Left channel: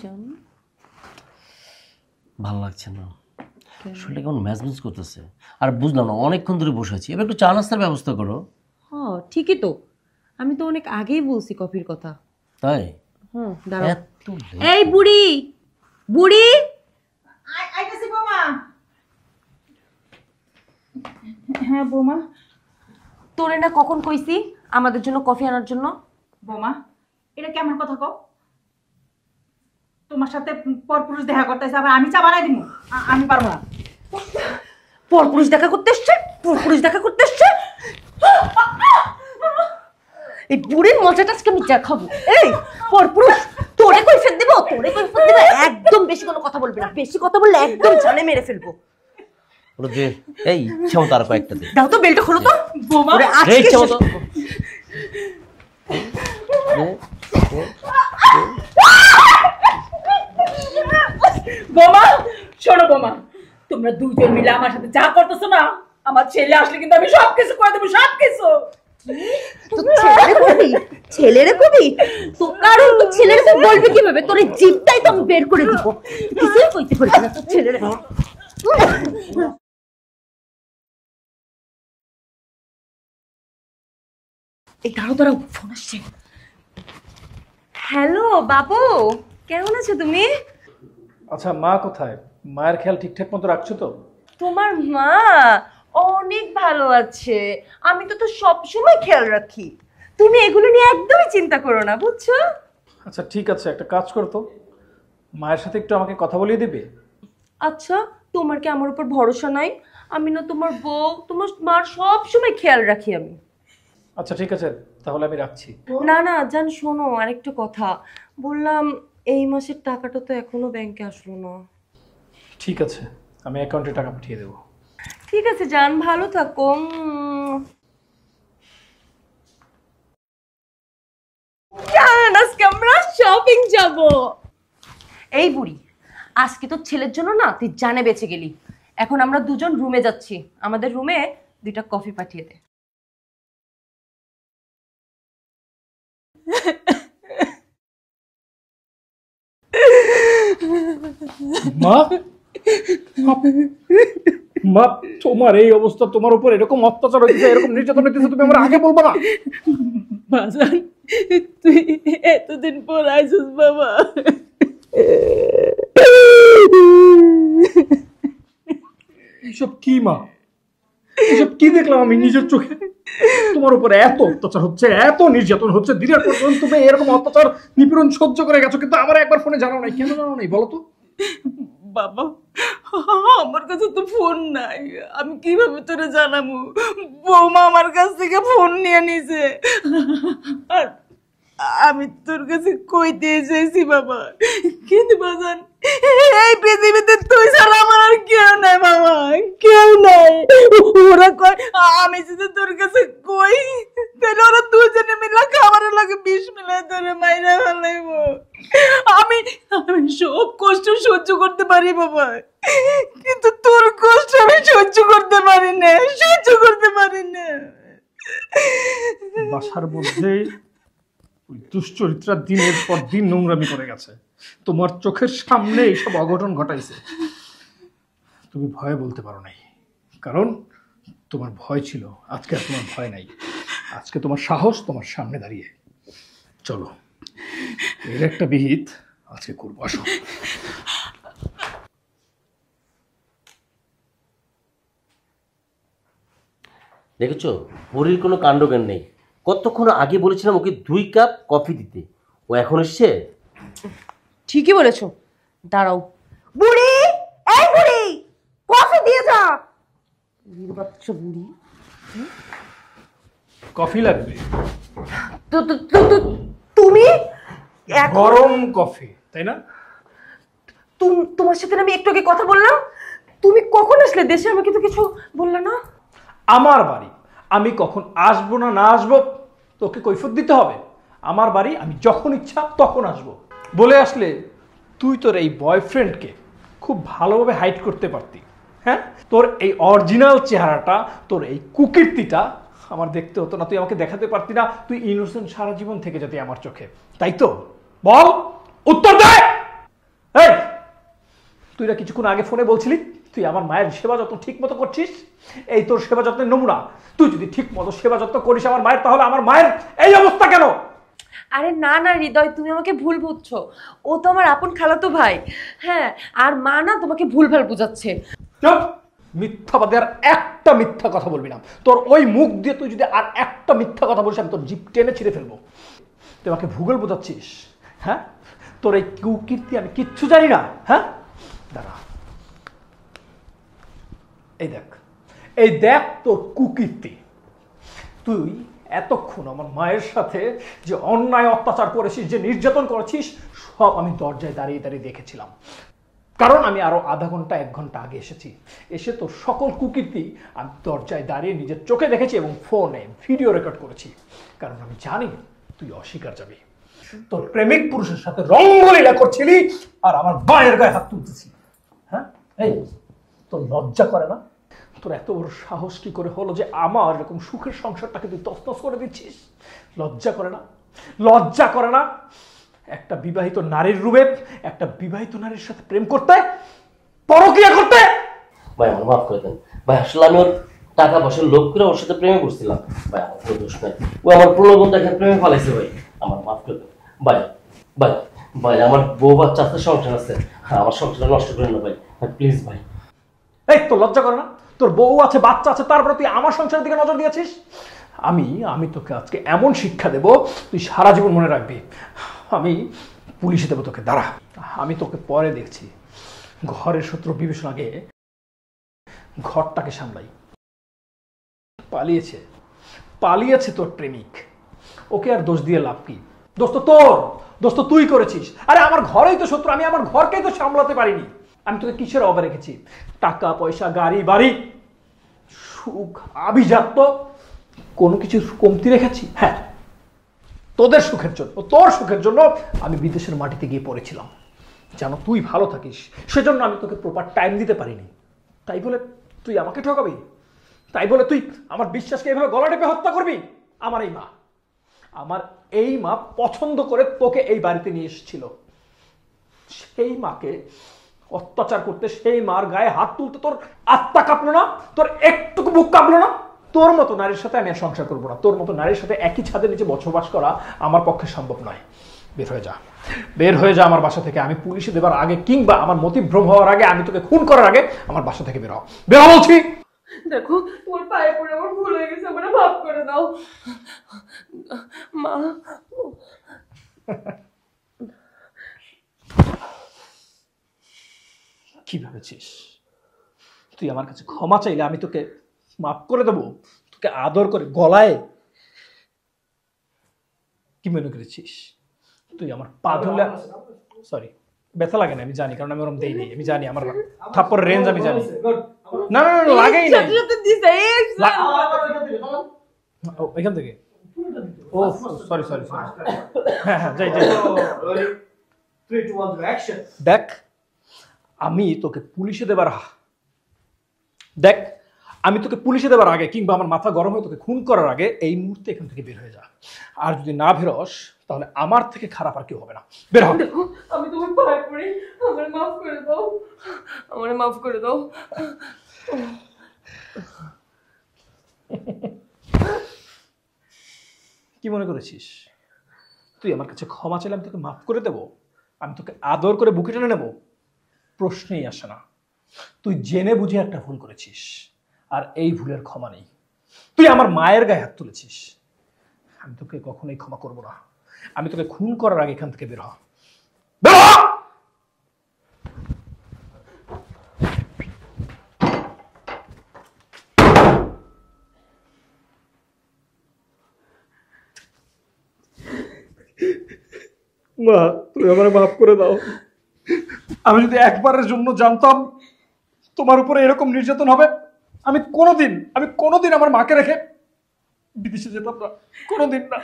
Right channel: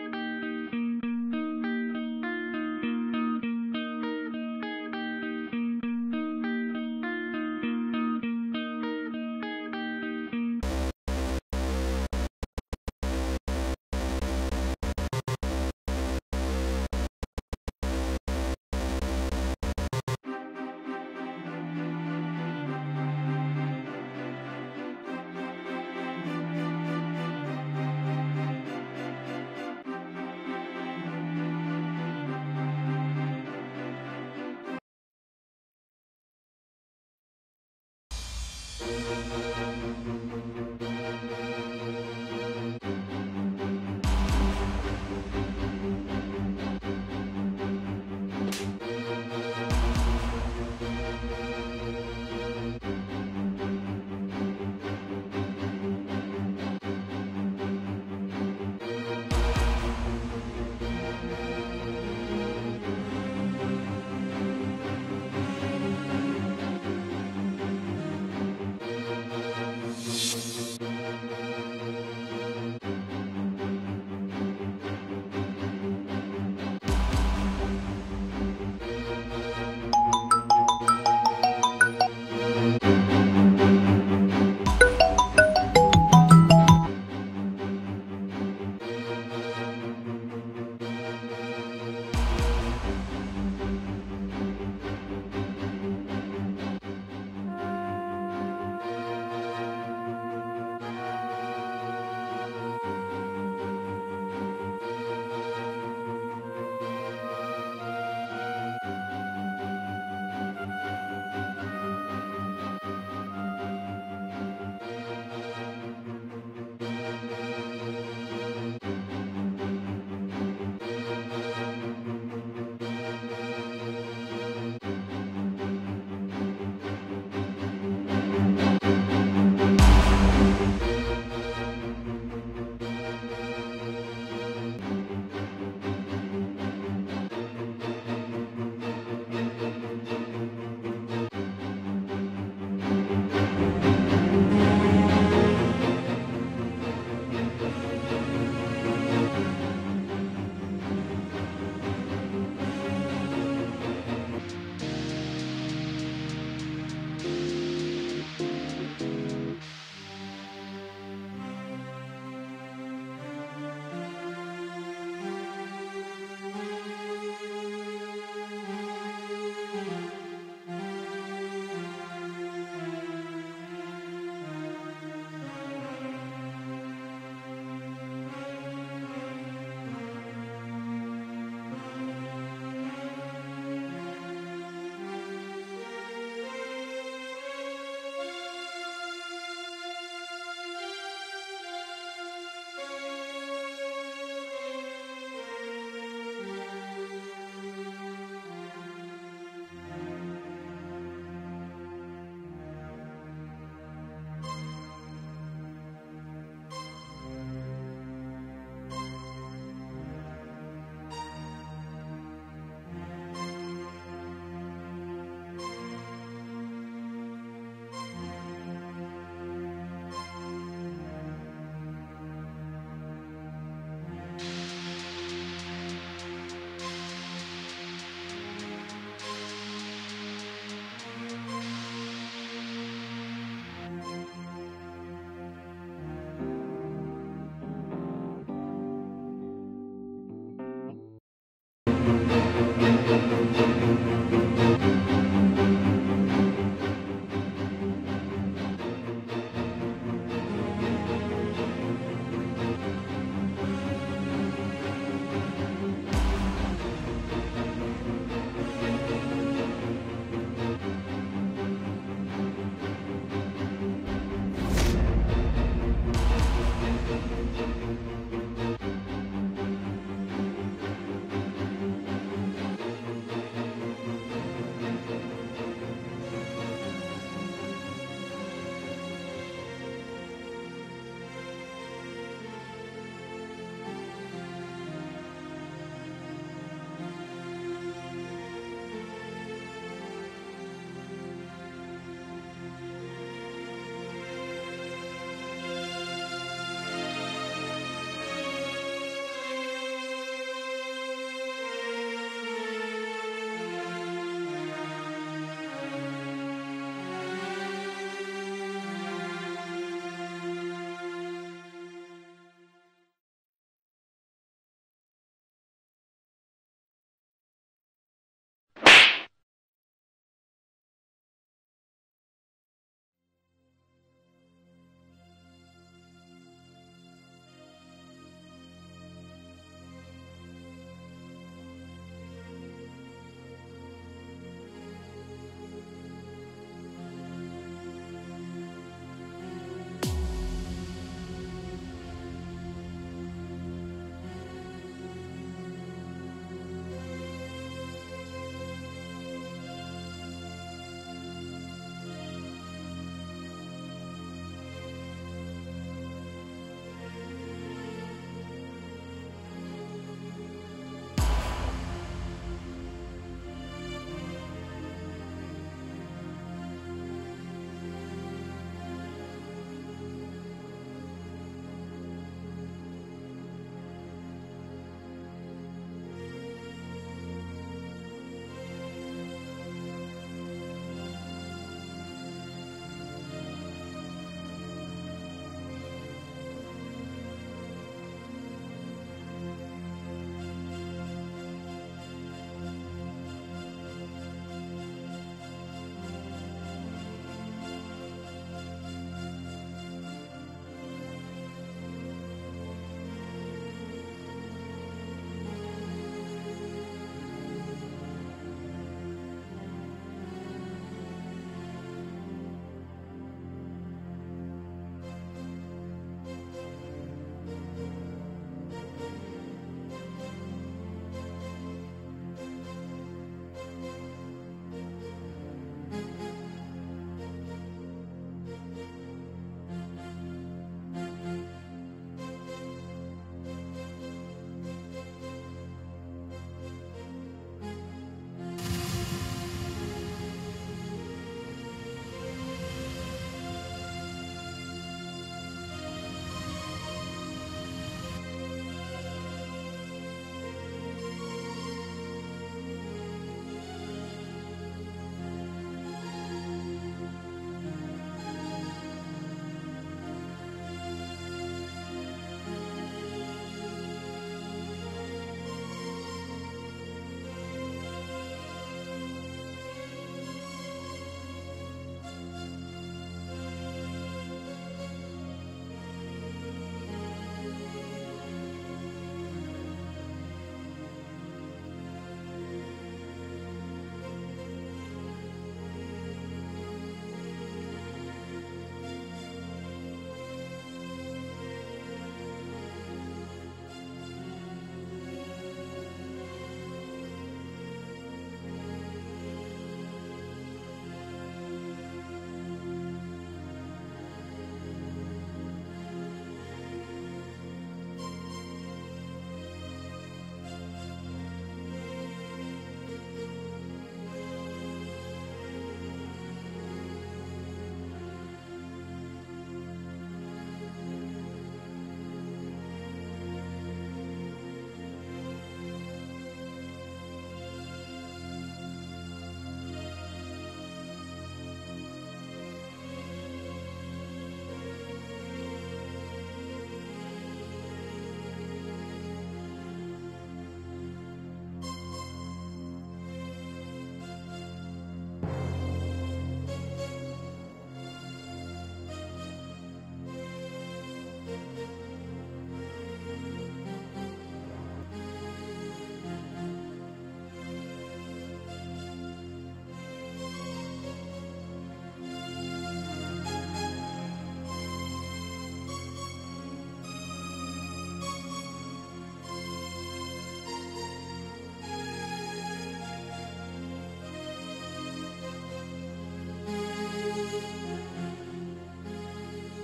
জন্য? ভালো লাগছে না, শরীরটা কেমন ম্যাজম্যাজ করতেছে। আর বুঝলাম না, অনেকক্ষণ ধরে বসে আছি, এবার একটু চা নাস্তার ব্যবস্থা করো। ঠিকই তো, আমি তো অনেক আগেই বলছি কফির কথা। তাই? দাঁড়াও। এই বুড়ি বুড়ি, আইতাছি বৌমা। হ্যাঁ বৌমা। তোরে না কখন কইছি আমাদের জন্য কফি আনার জন্য? বৌমা, এটা কেমন কথা কও? তোমার সাথে পরপুরুষ দেখা করতেছে, আবার আমি চা বানাই দিব? আমি পারবো না। পরপুরুষ দেখা করতে এসছে, পরপুরুষ দেখা করতে এসছে। এই বুড়ির মজাটা আজকে আমি দেখাবো। এই পরপুরুষ, তোরে কই ফেল দিব, তোরে কই ফেল দিব। একদম বেশি কোনো কথা বলবি না, বেশি কথা বললে একদম জানে মেরে ফেলবো। যে এই ইচ্ছা মতো আর কয়েকটা দে। দাও তো, বেলটা খোলো তো বৌমা, এই ইচ্ছা মতো। বৌমা শোনো বৌমা, তোমরা দুজন মিলে আমার সাথে চা করতেছো না, আমার ছেলে আসলে কিন্তু আমি সবকিছু করে দেবো, সবকিছু। ছেলেরে কবি তো, কারণ তো ছেলেরে তুই বলবি কিভাবে? তোর এই জিভটাই তো আমি বের করে দিব। কিছুই কইতে পারবি না তোর ছেলেরে। হ্যালো বাবু, কেমন আছো তুমি? আচ্ছা মা কোথায়? মায়ের খেয়াল ঠিকঠাক মতো রাখছো তো? তোমার মা অনেক ভালো আছে, আমি তো সব সময় খেয়াল রাখি। তুমি এগুলো নিয়ে একদমই চিন্তা করো না, বুঝছো? আচ্ছা ঠিক আছে, একটা কাজ করো তো, মায়ের সাথে একটু আমাকে কথা বলিয়ে দিবে? আচ্ছা, তোমার কি আমার উপর ভরসা নাই? আমি না তোমার বউ, তোমার মার সব সময় খেয়াল রাখি আমি। আচ্ছা ঠিক আছে, তাহলে আমি রাখছি। না না জান, শোনো আরেকটা কথা বললাম, এই মাসের টাকাটা তো এখনো ব্যাংকে আসলো না। ঠিক আছে, আমি অ্যাকাউন্টে টাকা পাঠিয়ে দেবো। ঠিক আছে জান, ভালো থাকো। জান, আজকে আমরা শপিং যাব। এই বুড়ি, আজকে তো ছেলের জন্য না তুই জানে বেঁচে গেলি। এখন আমরা দুজন রুমে যাচ্ছি, আমাদের রুমে 2টা কফি পাঠিয়ে দে। মা, মা তোমার এই অবস্থা, তোমার উপর এরকম অত্যাচার হয়েছে, এরকম নির্যাতন হয়েছে, তুমি আমার আগে বলবো না? বাজান, তুই এতদিন পর আইছিস বাবা। এসব কি মা? এসব কি দেখলাম আমি নিজের চোখে? তোমার উপর এত অত্যাচার হচ্ছে, এত নির্যাতন হচ্ছে, দিনের পর দিন তুমি এরকম অত্যাচার নিপীড়ন সহ্য করে গেছো, কিন্তু আমার একবার ফোনে জানাও নাই। কেন জানাও নাই বলো তো? বাবা, আমার কাছে তো ফোন নাই, আমি কিভাবে তোরে জানাবো? বৌমা আমার কাছ থেকে ফোন নিয়ে নিছে, আর আমি তোর কাছে কইতে এসেছি বাবা। কিন্তু বাজান, এই পৃথিবীতে তুই ছাড়া আমার আর কেউ নাই বাবা, কেউ নাই। ওরা কয় আমি যদি তোর কাছে কই, তাহলে ওরা দুজনে মিলে খাবারের লাগে বিষ মিলাই তোরে মাইরা ফেলাইব। আমি আমি সব কষ্ট সহ্য করতে পারি বাবা, কিন্তু তোর কষ্ট আমি সহ্য করতে পারি না, সহ্য করতে পারি না। বাসার মধ্যে দুশ্চরিত্রা দিনের পর দিন নোংরামি করে গেছে, তোমার চোখের সামনে এইসব অঘটন ঘটাইছে। তুমি ভয় বলতে পারো না, কারণ তোমার ভয় ছিল, আজকে আর তোমার ভয় নাই। আজকে তোমার সাহস তোমার সামনে দাঁড়িয়ে। চলো, এর একটা বিহিত আজকে করবো, আসো। দেখেছো, বুড়ির কোনো কাণ্ডজ্ঞান নেই। কতক্ষণ আগে বলেছিলাম ওকে 2 কাপ কফি দিতে, ও এখন এসছে। ঠিকই বলেছো, দাঁড়াও। বুড়ি, এই বুড়ি, কফি দিয়ে যা। কফি লাগবে? তুমি গরম কফি, তাই না? তোমার সাথে আমি একটু আগে কথা বললাম, তুমি কখন আসলে দেশে? আমাকে তো কিছু বললে না। আমার বাড়ি, আমি কখন আসবো না না আসবো তোকে কৈফিয়ত দিতে হবে? আমার বাড়ি, আমি যখন ইচ্ছা তখন আসবো। বলে আসলে তুই তোর এই বয়ফ্রেন্ডকে খুব ভালোভাবে হাইড করতে পারতি। হ্যাঁ, তোর এই অরিজিনাল চেহারাটা, তোর এই কুকীর্তিটা আমার দেখতে হতো না, তুই আমাকে দেখাতে পারতি না, তুই ইনোসেন্ট সারা জীবন থেকে যেতে আমার চোখে, তাই তো? বল, উত্তর দে। তুই না কিছুক্ষণ আগে ফোনে বলছিলি তুই আমার মায়ের সেবা যত্ন ঠিক মতো করছিস, এই তোর সেবা যত্নের নমুনা। তুই যদি ঠিক মতো সেবা যত্ন করিস আমার মায়ের, তাহলে আমার মায়ের এই অবস্থা কেন? আরে না না হৃদয়, তুমি আমাকে ভুল বুঝছো। ও তো আমার আপন খালাতো ভাই। হ্যাঁ, আর মা না তোমাকে ভুলভাল বুঝাচ্ছে। চুপ! মিথ্যাবাদী, আর একটা মিথ্যা কথা বলবি না। তোর ওই মুখ দিয়ে তুই যদি আর একটা মিথ্যা কথা বলিস আমি তোর জিভ টেনে ছিঁড়ে ফেলবো। তুই আমাকে ভূগোল বোঝাচ্ছিস? হ্যাঁ, তোর এই কুকীর্তি আমি কিচ্ছু জানি না। হ্যাঁ, দাঁড়া, এই দেখ তোর কুকীর্তি। তুই এতক্ষণ আমার মায়ের সাথে যে অন্যায় অত্যাচার করেছিস, যে নির্যাতন করেছিস, সব আমি দরজায় দাঁড়িয়ে দাঁড়িয়ে দেখেছিলাম। কারণ আমি আরো আধা ঘন্টা 1 ঘন্টা আগে এসেছি। এসে তোর সকল কুকীর্তি আমি দরজায় দাঁড়িয়ে নিজের চোখে দেখেছি এবং ফোনে ভিডিও রেকর্ড করেছি। কারণ আমি জানি তুই অস্বীকার যাবি। তোর প্রেমিক পুরুষের সাথে রঙ্গলীলা করছিলি আর আমার মায়ের গায়ে হাত তুলছিস। হ্যাঁ, এই তোর লজ্জা করে না? তোর এত বড় সাহস কি করে হলো যে আমার এরকম সুখের সংসারটাকে তুই তছনছ করে দিচ্ছিস? লজ্জা করে না? লজ্জা করে না একটা বিবাহিত নারীর রূপে একটা বিবাহিত নারীর সাথে প্রেম করতে, পরকীয়া করতে? ভাই আমার মাফ করে দেন ভাই, আসলে আমি ওর টাকা পয়সার লোভ করে ওর সাথে প্রেমে করছিলাম ভাই, আমার কোনো দোষ নাই। ও আমার প্রলোভন দেখে প্রেমে ফেলাইছে ভাই, আমার মাফ করে দেন ভাই। ভাই ভাই আমার বউ বাচ্চা আছে, সংসার আছে, আমার সংসারটা নষ্ট করেন না ভাই, প্লিজ ভাই। এই তোর লজ্জা করে না? তোর বউ আছে, বাচ্চা আছে, তারপরে তুই আমার সংসারের দিকে নজর দিয়েছিস? আমি তোকে আজকে এমন শিক্ষা দেব তুই সারা জীবন মনে রাখবি। আমি পুলিশে দেবো তোকে, দাঁড়া। আমি তোকে পরে দেখছি। ঘরের শত্রু বিভীষণ আগে ঘরটাকে সামলাই। পালিয়েছে তোর প্রেমিক, ওকে আর দোষ দিয়ে লাভ কি? দোষ তো তোর, দোষ তো তুই করেছিস। আরে আমার ঘরেই তো শত্রু, আমি আমার ঘরকেই তো সামলাতে পারিনি। আমি তোকে কিসের অভাবে রেখেছি? টাকা পয়সা, গাড়ি বাড়ি, সুখ, আভিজাত্য, কোনো কিছুর কমতি রেখেছি? হ্যাঁ, তোদের সুখের জন্য, তোর সুখের জন্য আমি বিদেশের মাটিতে গিয়ে পড়েছিলাম যেন তুই ভালো থাকিস। সেজন্য আমি তোকে প্রপার টাইম দিতে পারিনি। তাই বলে তুই আমাকে ঠকাবি? তাই বলে তুই আমার বিশ্বাসকে এভাবে গলা টেপে হত্যা করবি? আমার এই মা পছন্দ করে তোকে এই বাড়িতে নিয়ে এসেছিল। সেই মাকে অত্যাচার করতে, সেই মার গায়ে হাত তুলতে তোর আত্মা কাঁপলো না? তোর একটুকু বুক কাঁপলো না? তোর মতো নারীর সাথে আমি আর সংসার করবো না। তোর মতো নারীর সাথে একই ছাদের নিচে বসবাস করা আমার পক্ষে সম্ভব নয়। বের হয়ে যা আমার বাসা থেকে। আমি পুলিশে দেবার আগে কিংবা আমার মতিভ্রম হওয়ার আগে, আমি তোকে খুন করার আগে আমার বাসা থেকে বের হ বলছি। দেখো, ওর পায়ে পড়ে আমার ভুল হয়ে গেছে, আমার মাফ করে দাও মা। কি ভেবেছিস তুই আমার কাছে ক্ষমা চাইলে আমি তোকে মাফ করে দেবো? তোকে আদর করে গলায় কি মনে করেছিস? তুই আমার পা ধরলে, সরি, ব্যথা লাগে না আমি জানি, কারণ আমি ওরকম দেইনি। আমি জানি আমার থাপ্পড়ের রেঞ্জ আমি জানি। না না না, লাগেই না। এখান থেকে, ও সরি সরি, হ্যাঁ হ্যাঁ, যাই যাই। দেখ, আমি তোকে পুলিশে দেবার আগে কিংবা আমার মাথা গরম হয়ে তোকে খুন করার আগে এই মুহূর্তে এখান থেকে বের হয়ে যা। আর যদি না বেরোস তাহলে আমার থেকে খারাপ আর কেউ হবে না। বের হ। দেখো, আমি তোমার পায়ে পড়ি, আমার মাফ করে দাও, আমার মাফ করে দাও। কি মনে করেছিস তুই আমার কাছে ক্ষমা চাইলে আমি তোকে মাফ করে দেবো? আমি তোকে আদর করে বুকে টেনে নেবো? প্রশ্নই আসে না। তুই জেনে বুঝে একটা ভুল করেছিস, আর এই ভুলের ক্ষমা নেই। তুই আমার মায়ের গায়ে হাত তুলেছিস, আমি তোকে কখনোই ক্ষমা করবো না। আমি তোকে খুন করার আগে এখান থেকে বের হ। মা, তুমি আমারে মাফ করে দাও। আমি যদি একবারের জন্য জানতাম তোমার উপরে এরকম নির্যাতন হবে, আমি কোনোদিন আমার মাকে রেখে বিদেশে যেতাম না, কোনোদিন না।